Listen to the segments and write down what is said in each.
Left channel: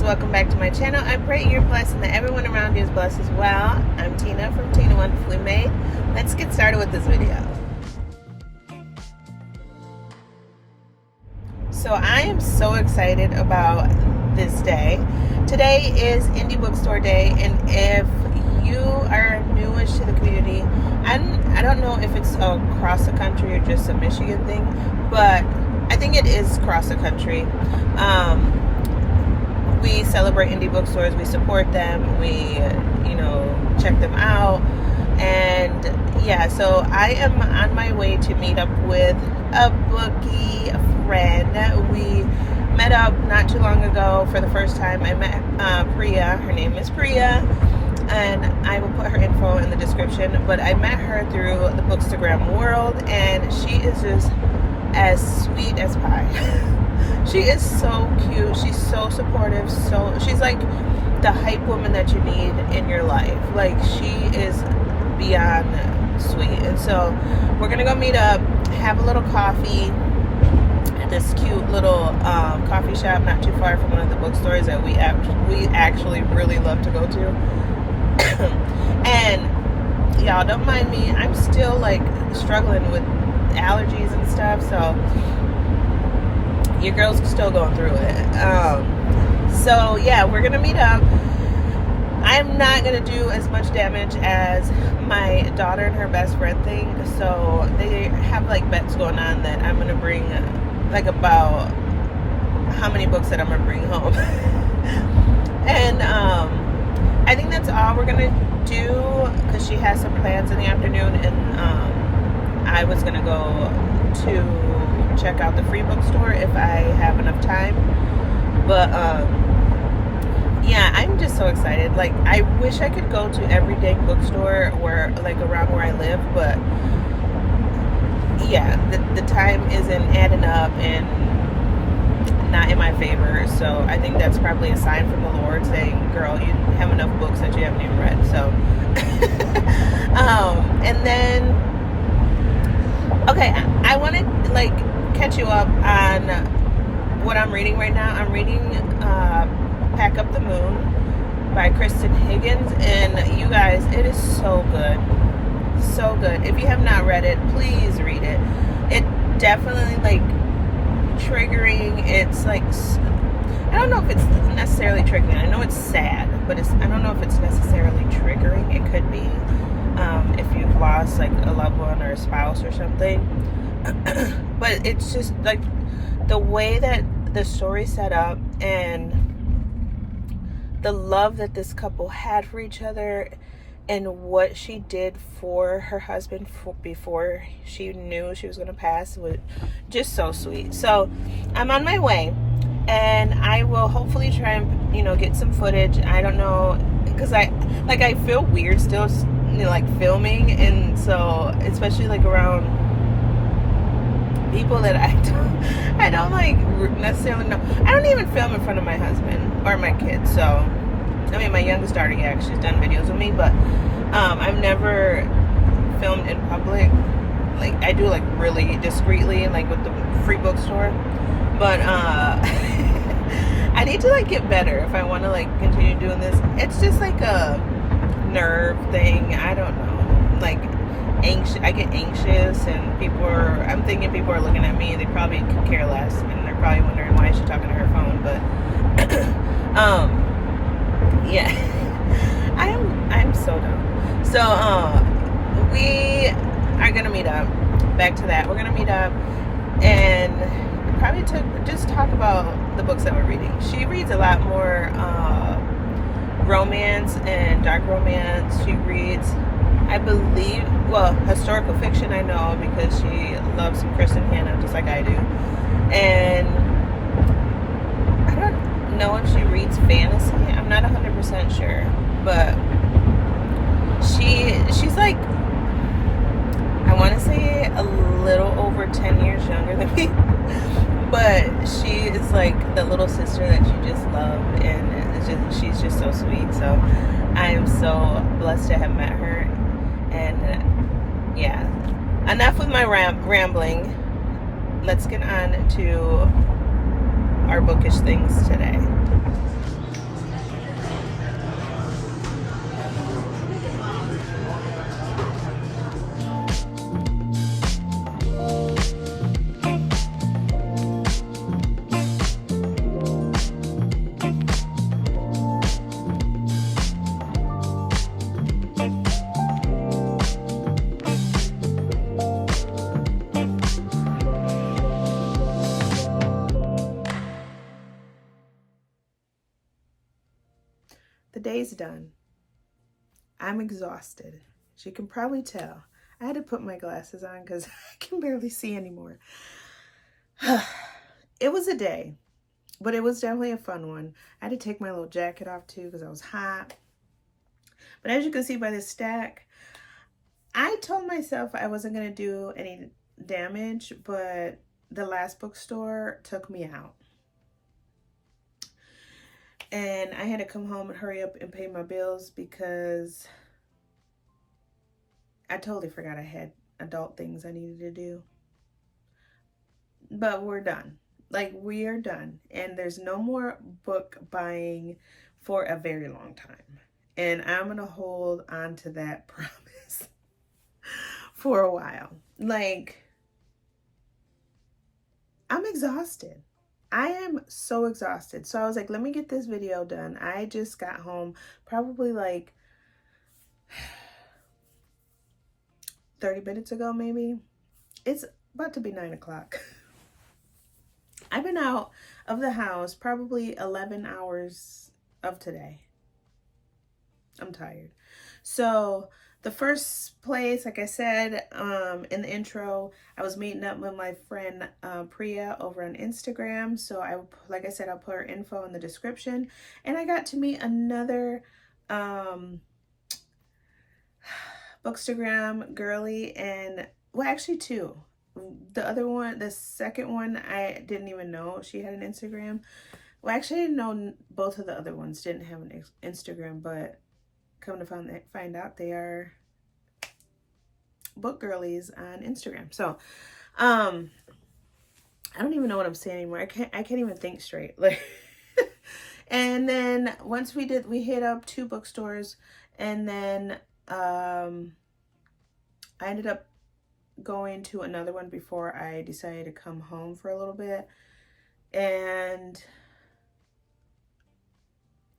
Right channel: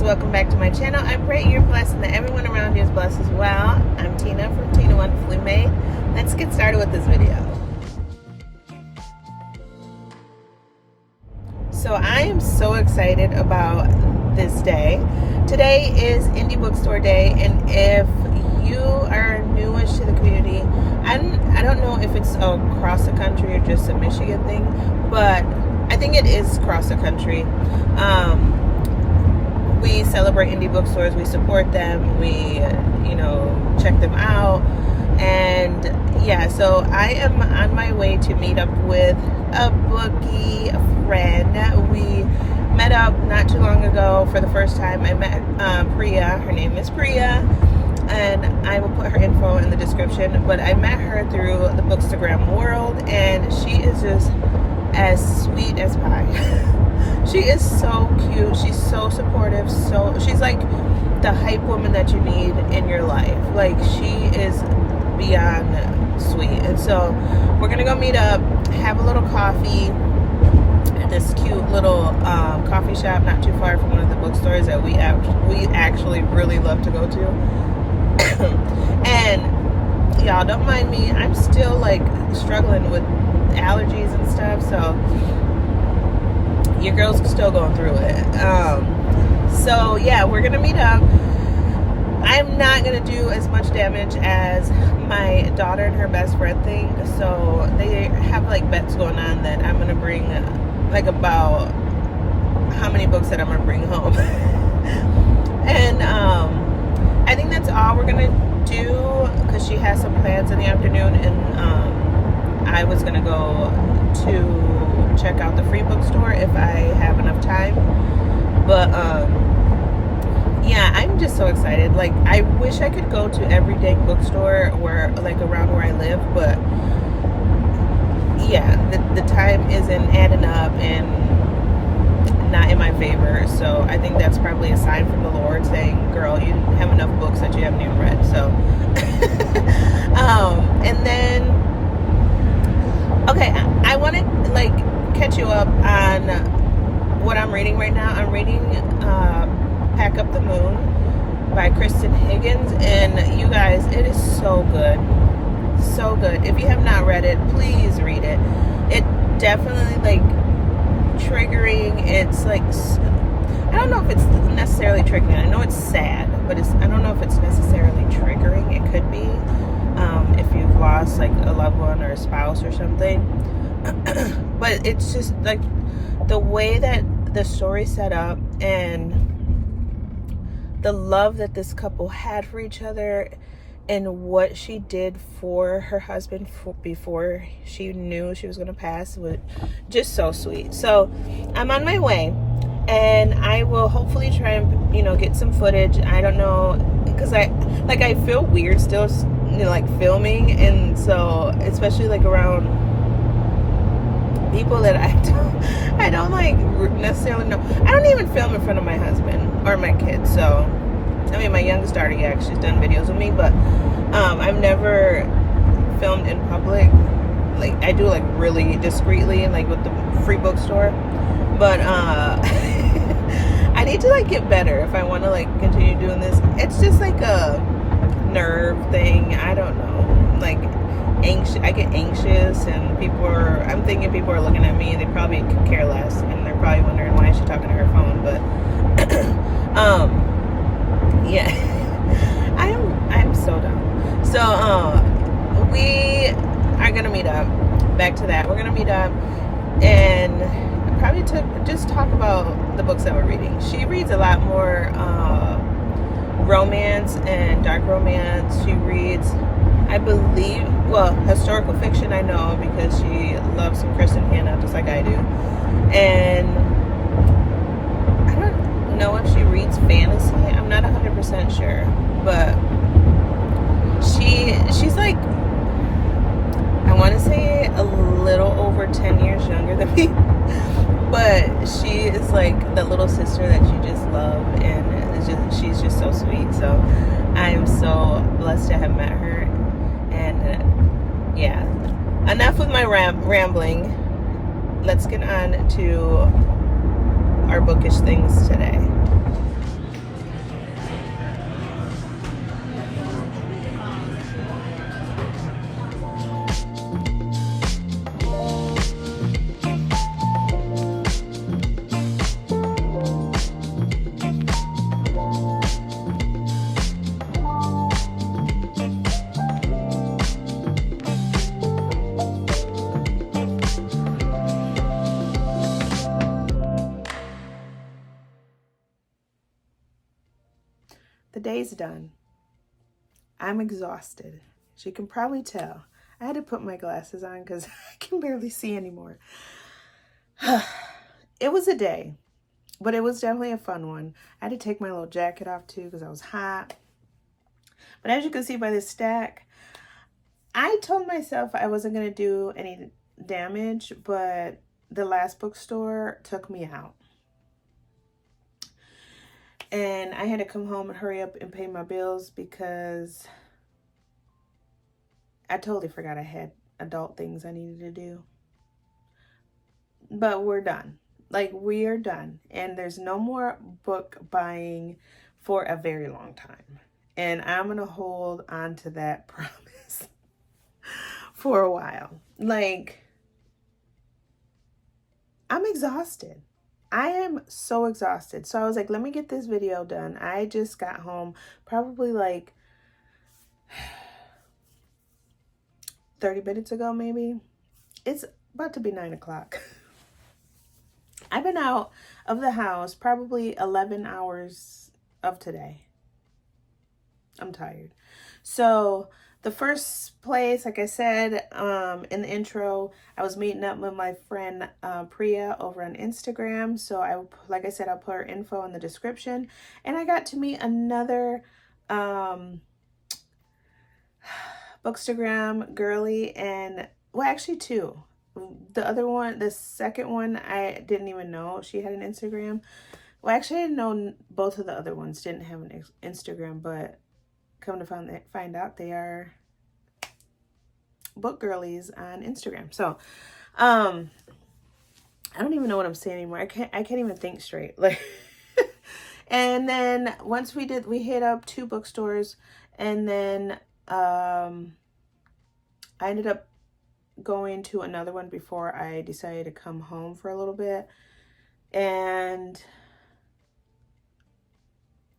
loves, welcome back to my channel. I pray you're blessed and that everyone around you is blessed as well. I'm Tina from Tina Wonderfully Made. Let's get started with this video. So I am so excited about this day. Today is Indie Bookstore Day, and if you are newish to the community, I don't know if it's across the country or just a Michigan thing, but I think it is across the country. We celebrate indie bookstores, we support them, we, check them out. And yeah, so I am on my way to meet up with a bookie, a friend. We met up not too long ago for the first time. I met Prea, her name is Prea, and I will put her info in the description. But I met her through the Bookstagram world, and she is just as sweet as pie. She is so cute. She's so supportive. She's like the hype woman that you need in your life. Like, she is beyond sweet. And so we're gonna go meet up, have a little coffee at this cute little coffee shop not too far from one of the bookstores that we actually really love to go to. And y'all, don't mind me, I'm still like struggling with allergies and stuff, so your girl's still going through it. So yeah, we're gonna meet up. I'm not gonna do as much damage as my daughter and her best friend thing, so they have like bets going on that I'm gonna bring like about how many books that I'm gonna bring home. And I think that's all we're gonna do, because she has some plans in the afternoon, and I was gonna go to check out the free bookstore if I have enough time. But yeah, I'm just so excited. Like, I wish I could go to every dang bookstore where, like, around where I live, but yeah, the time isn't adding up and not in my favor. So I think that's probably a sign from the Lord saying, girl, you have enough books that you haven't even read. So and then okay, I want to like catch you up on what I'm reading right now. I'm reading Pack Up the Moon by Kristen Higgins, and you guys, it is so good. So good. If you have not read it, please read it. It definitely like triggering. It's like, I don't know if it's necessarily triggering. I know it's sad, but I don't know if it's necessarily triggering. It could be if you've lost like a loved one or a spouse or something. But it's just like the way that the story's set up and the love that this couple had for each other and what she did for her husband before she knew she was going to pass was just so sweet. So I'm on my way, and I will hopefully try and get some footage. I don't know, because I feel weird still like filming, and so especially like around people that I don't like necessarily know. I don't even film in front of my husband or my kids. So I mean, my youngest daughter, yeah, she's done videos with me, but I've never filmed in public. Like, I do like really discreetly, like with the free bookstore, but I need to like get better if I want to like continue doing this. It's just like a nerve thing. I don't know, like I get anxious, and I'm thinking people are looking at me and they probably could care less, and they're probably wondering why she's talking to her phone. But yeah, I'm so dumb. So we are gonna meet up. Back to that, we're gonna meet up and probably to just talk about the books that we're reading. She reads a lot more romance and dark romance. She reads, I believe, well, historical fiction, I know, because she loves some Kristen Hanna just like I do. And I don't know if she reads fantasy. I'm not 100% sure, but she's like, I want to say a little over 10 years younger than me, but she is like the little sister that you just love, and she's just so sweet. So I am so blessed to have met her. And yeah, enough with my rambling. Let's get on to our bookish things today. The day's done. I'm exhausted. As you can probably tell. I had to put my glasses on because I can barely see anymore. It was a day, but it was definitely a fun one. I had to take my little jacket off too because I was hot. But as you can see by this stack, I told myself I wasn't going to do any damage, but the last bookstore took me out. And I had to come home and hurry up and pay my bills because I totally forgot I had adult things I needed to do. But we're done. Like, we are done. And there's no more book buying for a very long time. And I'm going to hold on to that promise for a while. Like, I'm exhausted. I am so exhausted. So I was like, let me get this video done. I just got home probably like 30 minutes ago, maybe. It's about to be 9 o'clock. I've been out of the house probably 11 hours of today. I'm tired. So the first place, like I said in the intro, I was meeting up with my friend Prea over on Instagram. So like I said, I'll put her info in the description. And I got to meet another Bookstagram girly, and well, actually two. The other one, the second one, I didn't even know she had an Instagram. Well, actually, I didn't know both of the other ones didn't have an Instagram, but come to find out they are book girlies on Instagram. So, I don't even know what I'm saying anymore. I can't even think straight. Like, and then once we hit up 2 bookstores, and then I ended up going to another one before I decided to come home for a little bit. And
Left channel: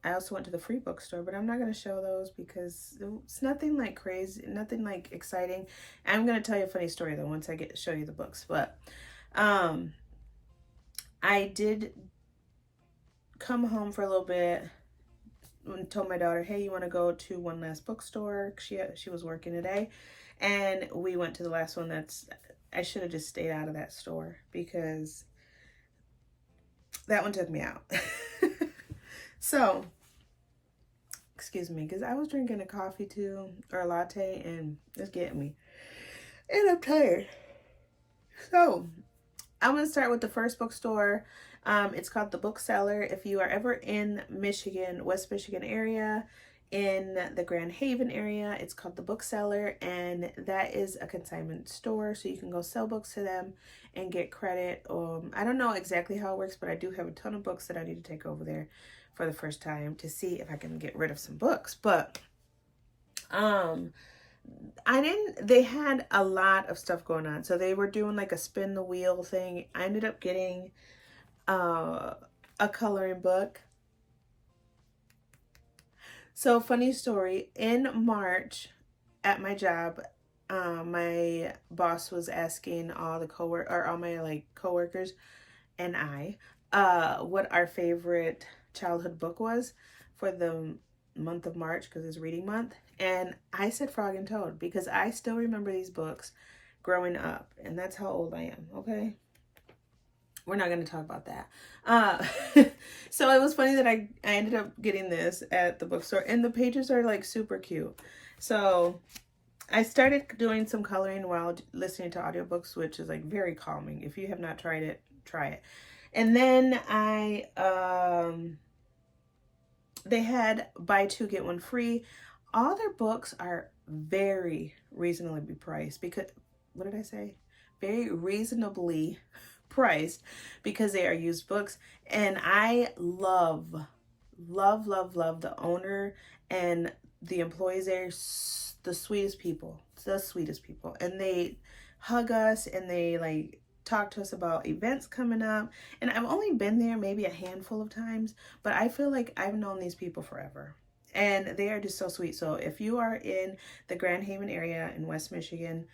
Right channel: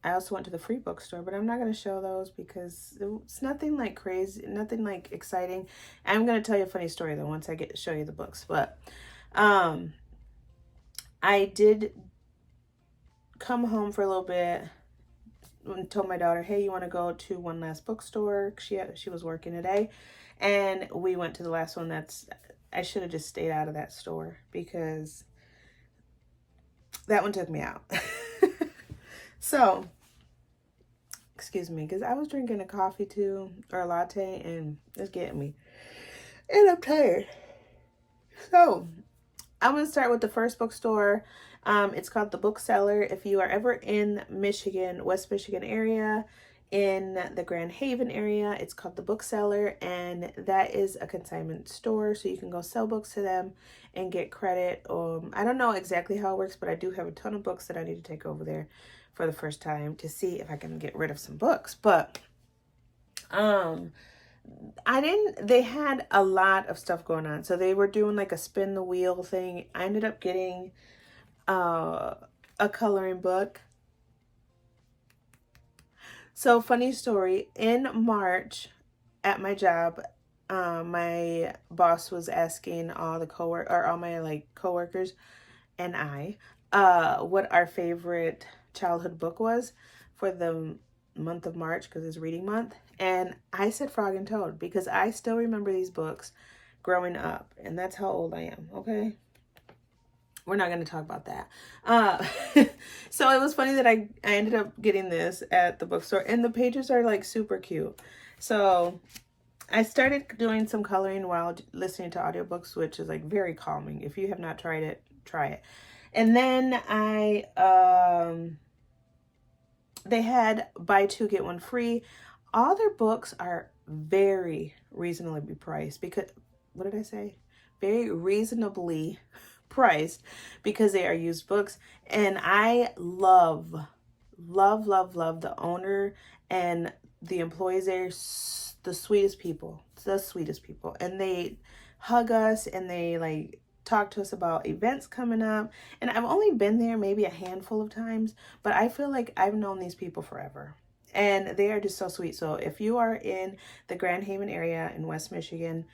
I also went to the free bookstore, but I'm not going to show those because it's nothing like crazy, nothing like exciting. I'm going to tell you a funny story though once I get to show you the books. But I did come home for a little bit and told my daughter, hey, you want to go to one last bookstore? She was working today. And we went to the last one. I should have just stayed out of that store because that one took me out. So, excuse me, because I was drinking a coffee too, or a latte, and it's getting me. And I'm tired. So, I'm going to start with the first bookstore. It's called The Bookseller. If you are ever in Michigan, West Michigan area, in the Grand Haven area, it's called The Bookseller, and that is a consignment store, so you can go sell books to them and get credit. I don't know exactly how it works, but I do have a ton of books that I need to take over there for the first time to see if I can get rid of some books. But they had a lot of stuff going on, so they were doing like a spin the wheel thing. I ended up getting a coloring book. So, funny story, in March at my job, my boss was asking all my coworkers and I what our favorite childhood book was for the month of March, because it's reading month. And I said Frog and Toad because I still remember these books growing up, and that's how old I am, okay? We're not going to talk about that. So it was funny that I ended up getting this at the bookstore, and the pages are like super cute. So I started doing some coloring while listening to audiobooks, which is like very calming. If you have not tried it, try it. And then they had buy 2 get 1 free. All their books are very reasonably priced because, what did I say? Very reasonably priced because they are used books. And I love the owner and the employees there. The sweetest people, and they hug us and they like talk to us about events coming up. And I've only been there maybe a handful of times, but I feel like I've known these people forever, and they are just so sweet. So if you are in the Grand Haven area in West Michigan,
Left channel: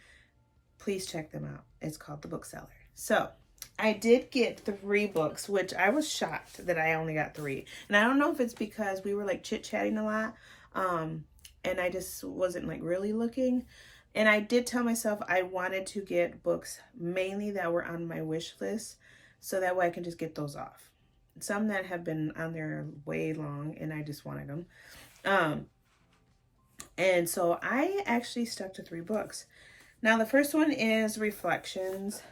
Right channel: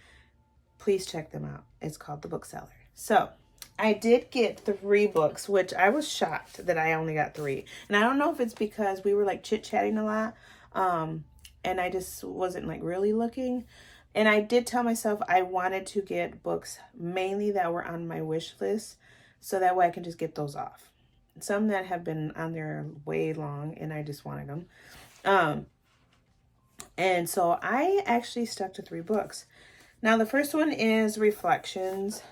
please check them out. It's called The Bookseller. So I did get 3 books, which I was shocked that I only got 3. And I don't know if it's because we were like chit-chatting a lot, and I just wasn't like really looking. And I did tell myself I wanted to get books mainly that were on my wish list, so that way I can just get those off. Some that have been on there way long, and I just wanted them. And so I actually stuck to 3 books. Now, the first one is Reflections.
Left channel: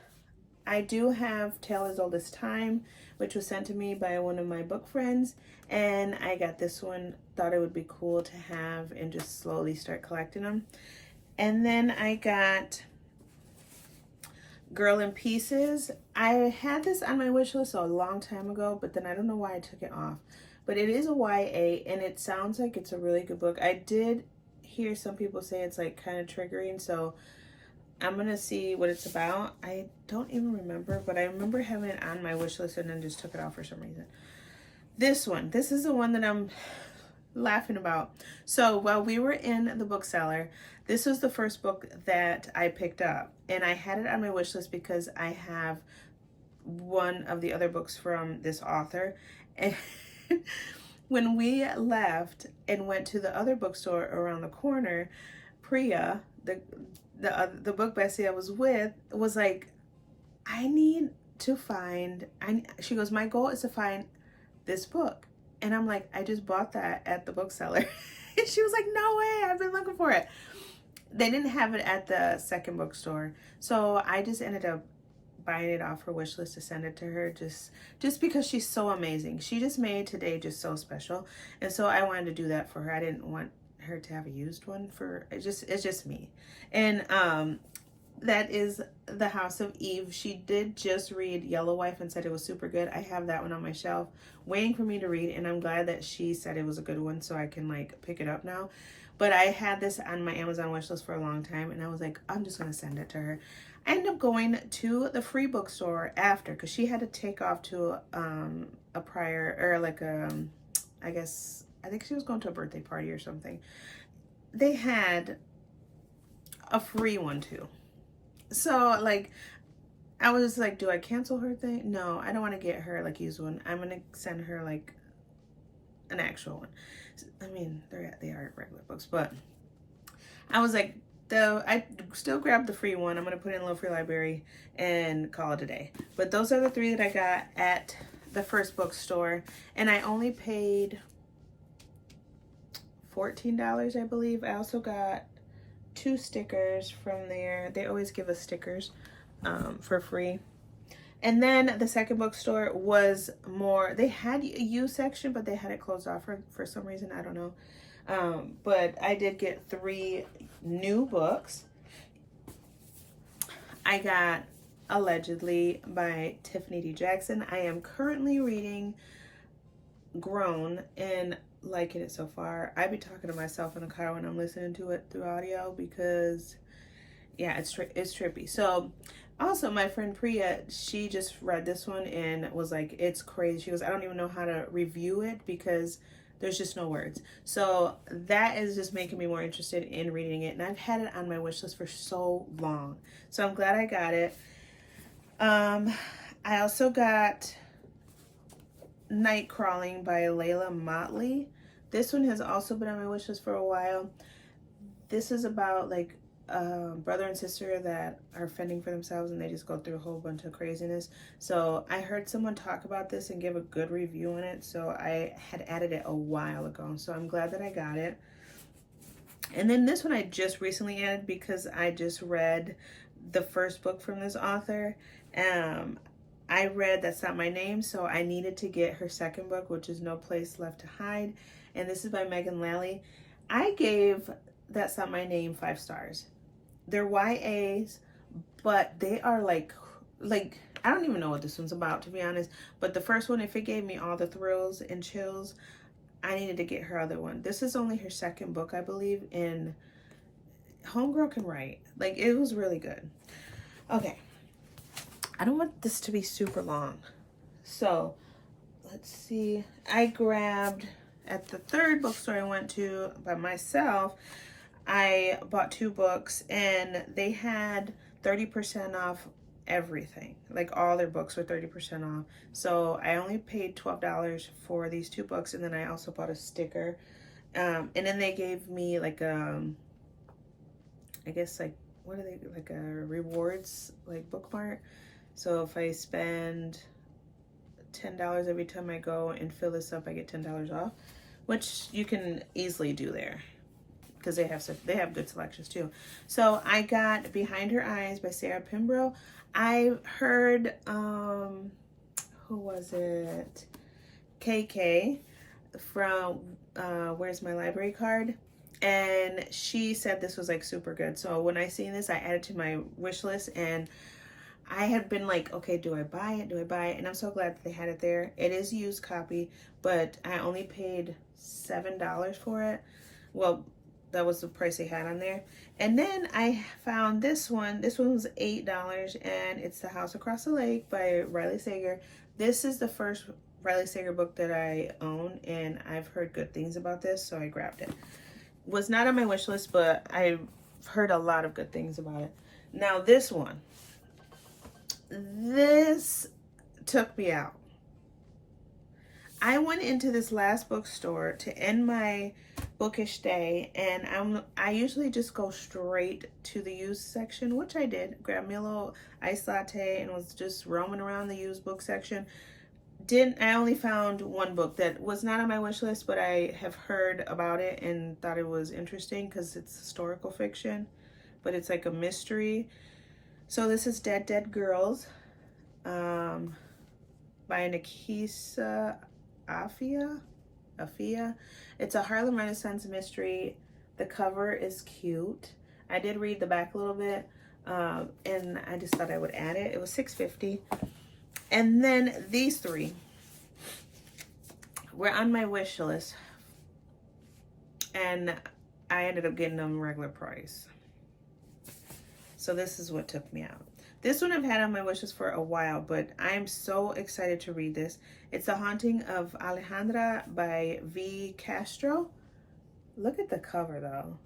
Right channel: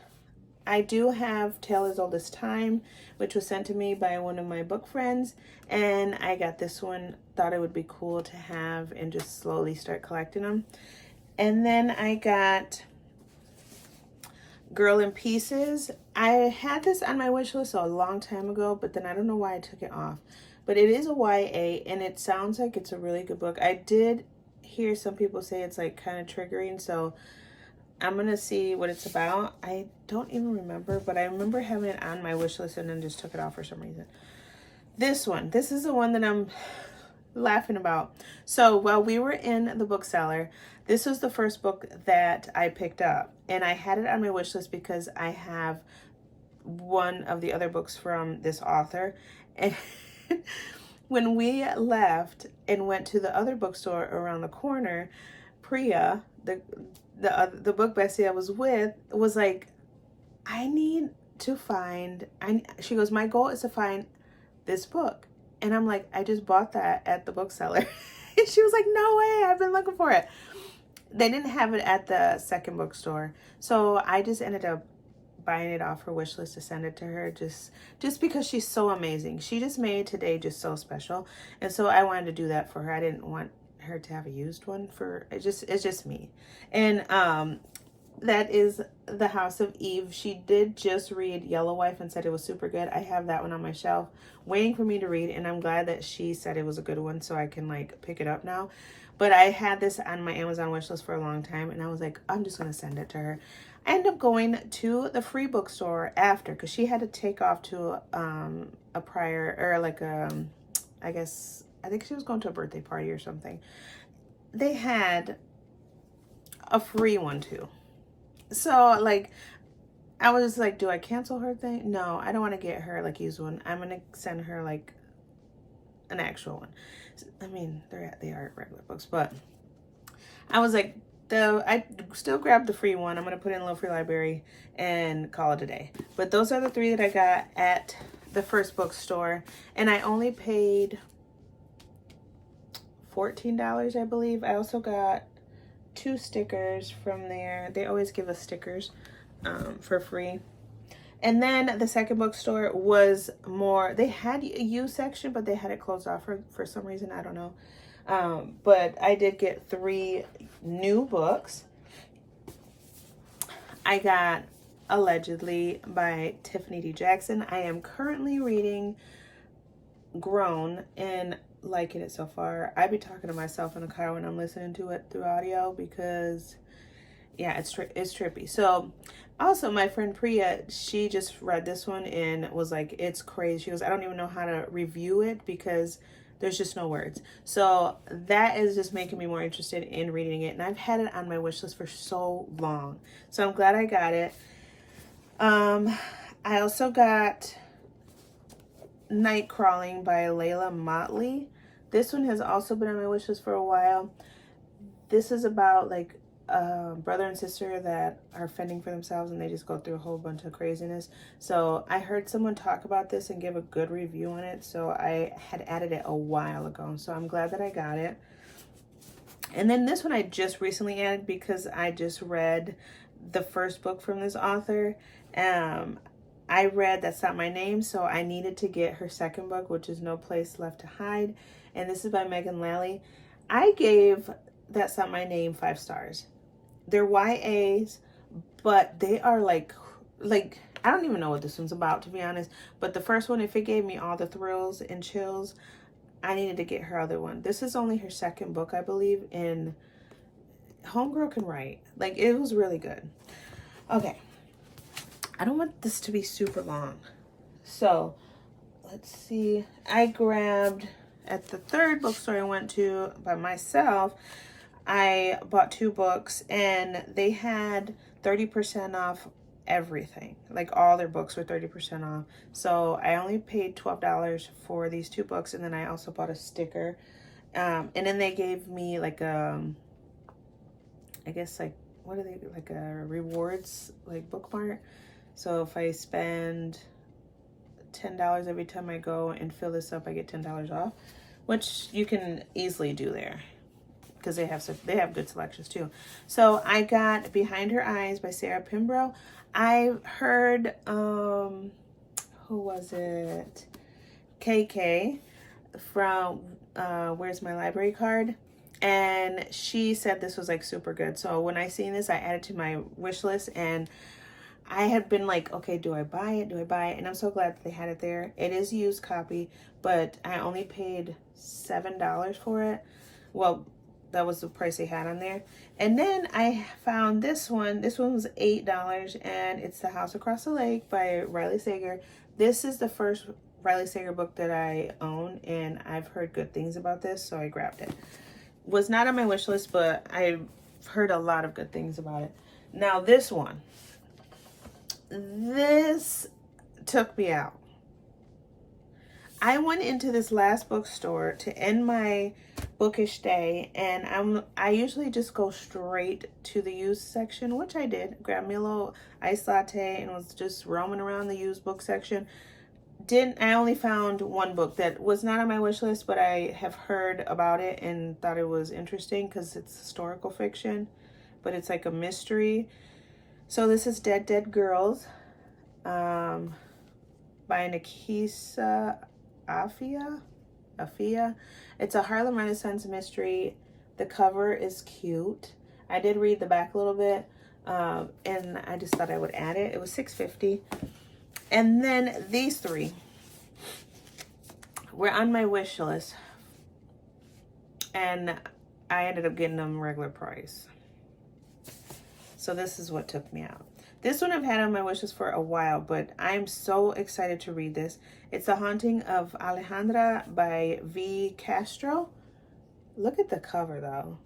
I do have Tale as Old as Time, which was sent to me by one of my book friends. And I got this one, thought it would be cool to have and just slowly start collecting them. And then I got Girl in Pieces. I had this on my wish list a long time ago, but then I don't know why I took it off. But it is a YA, and it sounds like it's a really good book. I did hear some people say it's like kind of triggering, so I'm gonna see what it's about. I don't even remember, but I remember having it on my wish list and then just took it off for some reason. This is the one that I'm laughing about. So while we were in the bookseller, this was the first book that I picked up, and I had it on my wish list because I have one of the other books from this author. And when we left and went to the other bookstore around the corner, Prea, the book bestie I was with, was like, I need to find, she goes, my goal is to find this book. And I'm like, I just bought that at the bookseller. And she was like, no way, I've been looking for it. They didn't have it at the second bookstore. So I just ended up buying it off her wish list to send it to her, just because she's so amazing. She just made today just so special. And so I wanted to do that for her. I didn't want her to have a used one for, it's just me. And that is The House of Eve. She did just read Yellow Wife and said it was super good. I have that one on my shelf waiting for me to read, and I'm glad that she said it was a good one so I can like pick it up now. But I had this on my Amazon wish list for a long time, and I was like, I'm just gonna send it to her. I ended up going to the free bookstore after, because she had to take off to a prior, or like I think she was going to a birthday party or something. They had a free one too. So like, I was like, do I cancel her thing? No, I don't want to get her like used one. I'm gonna send her like an actual one. I mean, they are regular books, but I was like, I still grabbed the free one. I'm gonna put it in a little free library and call it a day. But those are the 3 that I got at the first bookstore, and I only paid $14, I believe. I also got 2 stickers from there. They always give us stickers for free. And then the second bookstore was more, they had a used section, but they had it closed off for some reason. I don't know. But I did get 3 new books. I got Allegedly by Tiffany D. Jackson. I am currently reading Grown and liking it so far. I be talking to myself in the car when I'm listening to it through audio because, yeah, it's trippy. So, also my friend Prea, she just read this one and was like, it's crazy. She goes, I don't even know how to review it because there's just no words. So that is just making me more interested in reading it. And I've had it on my wish list for so long. So I'm glad I got it. I also got Night Crawling by Layla Motley. This one has also been on my wish list for a while. This is about like brother and sister that are fending for themselves, and they just go through a whole bunch of craziness. So I heard someone talk about this and give a good review on it, so I had added it a while ago. So I'm glad that I got it. And then this one I just recently added because I just read the first book from this author. I read That's Not My Name, so I needed to get her second book, which is No Place Left to Hide. And this is by Megan Lally. I gave That's Not My Name 5 stars. They're YAs, but they are like I don't even know what this one's about, to be honest. But the first one, if it gave me all the thrills and chills, I needed to get her other one. This is only her second book, I believe, and homegirl can write. Like, it was really good. Okay. I don't want this to be super long. So, let's see. I grabbed, at the third bookstore I went to by myself, I bought 2 books, and they had 30% off everything. Like all their books were 30% off. So I only paid $12 for these 2 books, and then I also bought a sticker. And then they gave me like I guess like, what are they, like a rewards like bookmark. So if I spend $10 every time I go and fill this up, I get $10 off, which you can easily do there because they have good selections too. So I got Behind Her Eyes by Sarah Pinborough. I heard who was it? KK from Where's My Library Card, and she said this was like super good. So when I seen this, I added to my wish list, and I had been like, okay, do I buy it? Do I buy it? And I'm so glad that they had it there. It is a used copy, but I only paid $7 for it. Well, that was the price they had on there. And then I found this one. This one was $8, and it's The House Across the Lake by Riley Sager. This is the first Riley Sager book that I own, and I've heard good things about this, so I grabbed it. Was not on my wish list, but I've heard a lot of good things about it. Now this one. This took me out. I went into this last bookstore to end my bookish day, and I usually just go straight to the used section, which I did. Grabbed me a little iced latte and was just roaming around the used book section. I only found one book that was not on my wish list, but I have heard about it and thought it was interesting because it's historical fiction, but it's like a mystery. So this is Dead Dead Girls by Nikisa Afia. It's a Harlem Renaissance mystery. The cover is cute. I did read the back a little bit, and I just thought I would add it. It was $6.50. And then these 3 were on my wish list, and I ended up getting them regular price. So this is what took me out. This one I've had on my wish list for a while, but I'm so excited to read this. It's The Haunting of Alejandra by V. Castro. Look at the cover though.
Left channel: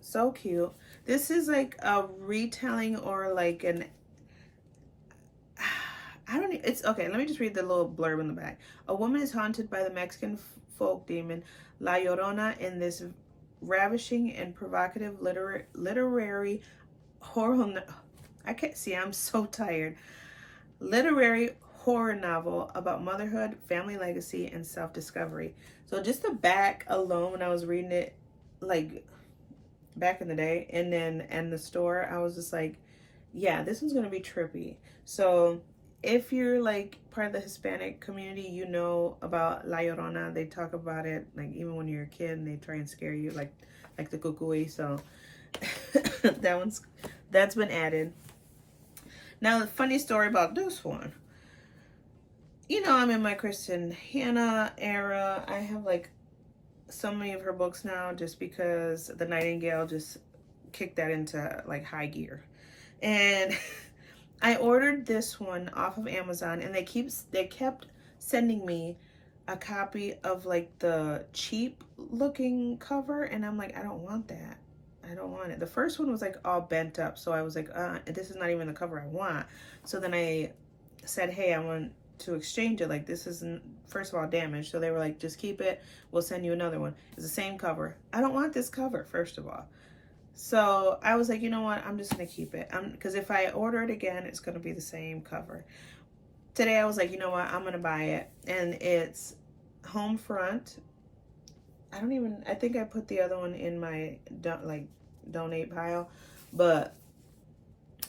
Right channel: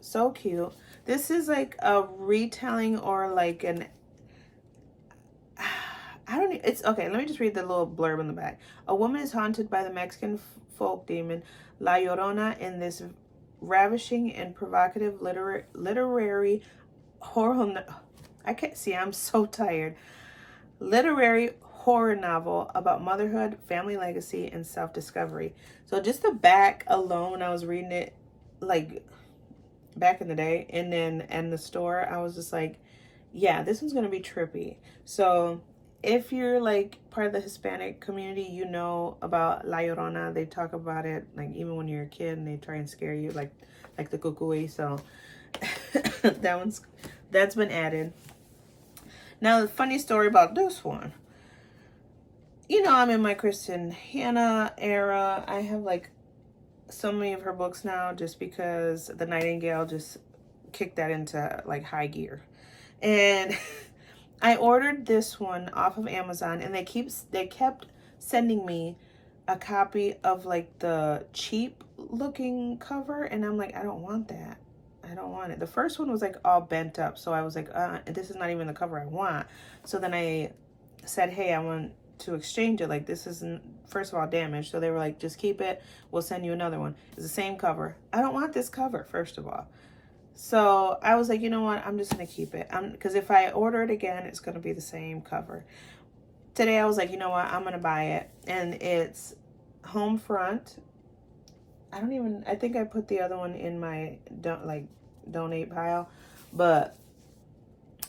So cute. This is like a retelling or like it's okay. Let me just read the little blurb in the back. A woman is haunted by the Mexican folk demon La Llorona in this ravishing and provocative literary horror. I can't see. I'm so tired. Literary horror novel about motherhood, family legacy, and self-discovery. So just the back alone, when I was reading it, like back in the day, and then in the store, I was just like, yeah, this one's gonna be trippy. So if you're like part of the Hispanic community, you know about La Llorona. They talk about it like even when you're a kid, and they try and scare you like the cucuy. So that's been added. Now the funny story about this one. You know, I'm in my Kristen Hanna era. I have like so many of her books now just because the Nightingale just kicked that into like high gear. And I ordered this one off of Amazon, and they kept sending me a copy of like the cheap looking cover, and I'm like, I don't want that. I don't want it. The first one was like all bent up, so I was like, this is not even the cover I want. So then I said, hey, I want to exchange it. Like, this isn't, first of all, damaged. So they were like, just keep it. We'll send you another one. It's the same cover. I don't want this cover, first of all. So I was like, you know what? I'm just going to keep it. Because if I order it again, it's going to be the same cover. Today I was like, you know what? I'm going to buy it. And it's Homeront. I think I put the other one in my donate pile. But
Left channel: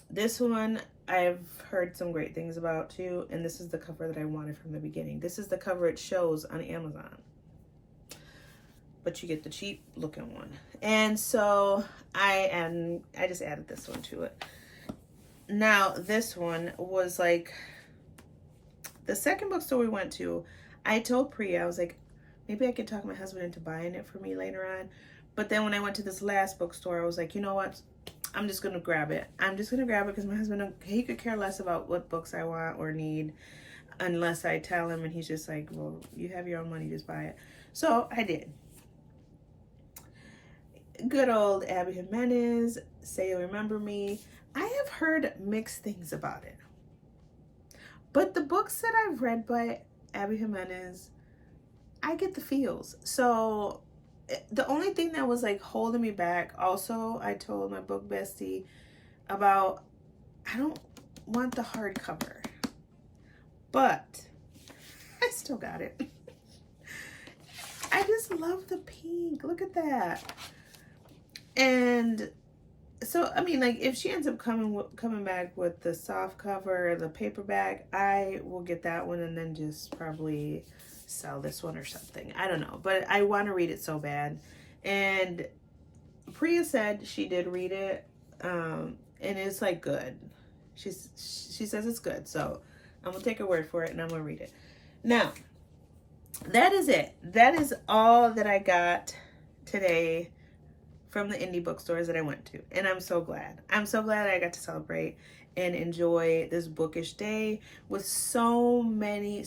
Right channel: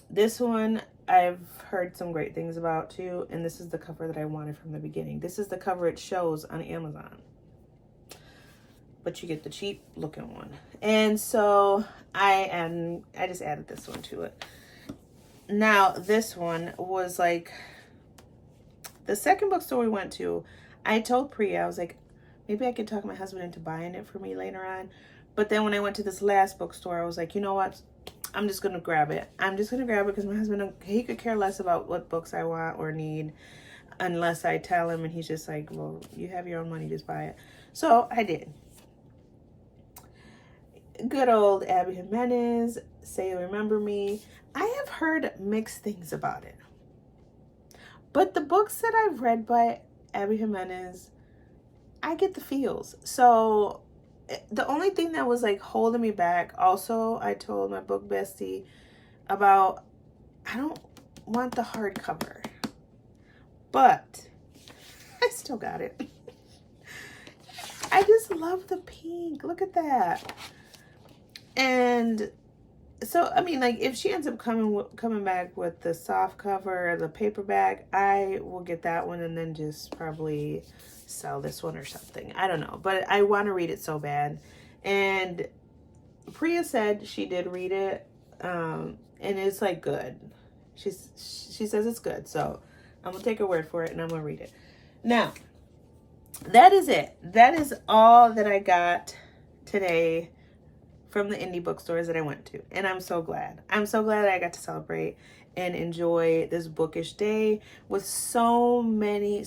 this one I've heard some great things about too. And this is the cover that I wanted from the beginning. This is the cover it shows on Amazon. But you get the cheap looking one. And so I just added this one to it. Now this one was like the second bookstore we went to. I told Prea, I was like, maybe I could talk my husband into buying it for me later on. But then when I went to this last bookstore, I was like, you know what? I'm just going to grab it. I'm just going to grab it because my husband, he could care less about what books I want or need unless I tell him. And he's just like, well, you have your own money, just buy it. So I did. Good old Abby Jimenez, Say You Remember Me. I have heard mixed things about it. But the books that I've read by Abby Jimenez, I get the feels. So the only thing that was like holding me back, also I told my book bestie about, I don't want the hardcover, but I still got it. I just love the pink. Look at that. And so, I mean, like, if she ends up coming back with the soft cover, the paperback, I will get that one and then just probably sell this one or something. I don't know, but I want to read it so bad. And Prea said she did read it, and it's like good. She says it's good, so I'm gonna take her word for it and I'm gonna read it. Now, that is it. That is all that I got today from the indie bookstores that I went to. And I'm so glad. I'm so glad I got to celebrate and enjoy this bookish day with so many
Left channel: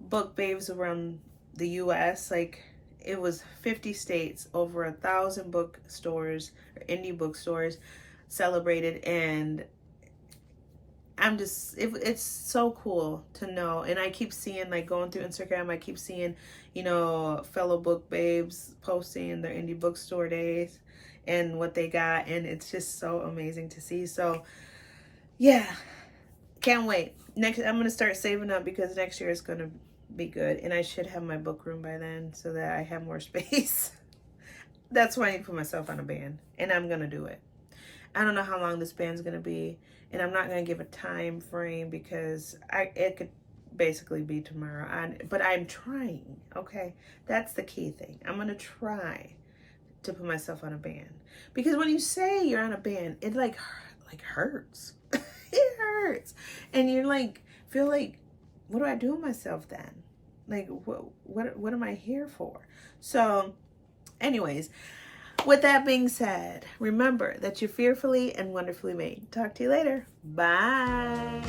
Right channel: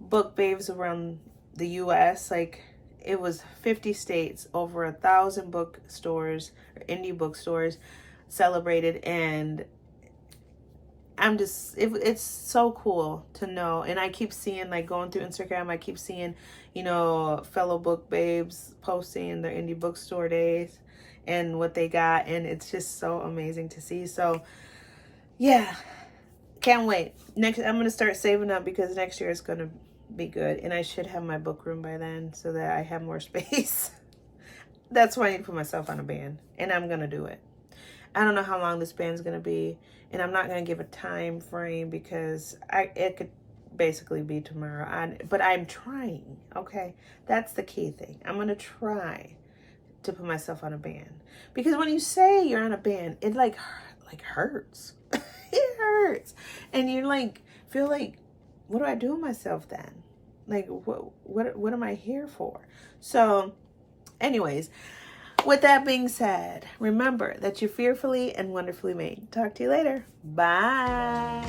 book babes around the US. Like, it was 50 states, over 1,000 bookstores, or indie bookstores celebrated, and I'm just, it's so cool to know. And I keep seeing, like, going through Instagram, I keep seeing, you know, fellow book babes posting their indie bookstore days and what they got, and it's just so amazing to see. So yeah, can't wait. Next, I'm gonna start saving up because next year is gonna be good, and I should have my book room by then so that I have more space. That's why I need to put myself on a ban, and I'm gonna do it. I don't know how long this ban's gonna be, and I'm not gonna give a time frame because it could basically be tomorrow. But I'm trying. Okay, that's the key thing. I'm gonna try to put myself on a ban, because when you say you're on a ban, it like hurts. It hurts, and you're like, feel like, what do I do with myself then? Like, what am I here for? So anyways, with that being said, remember that you're fearfully and wonderfully made. Talk to you later. Bye.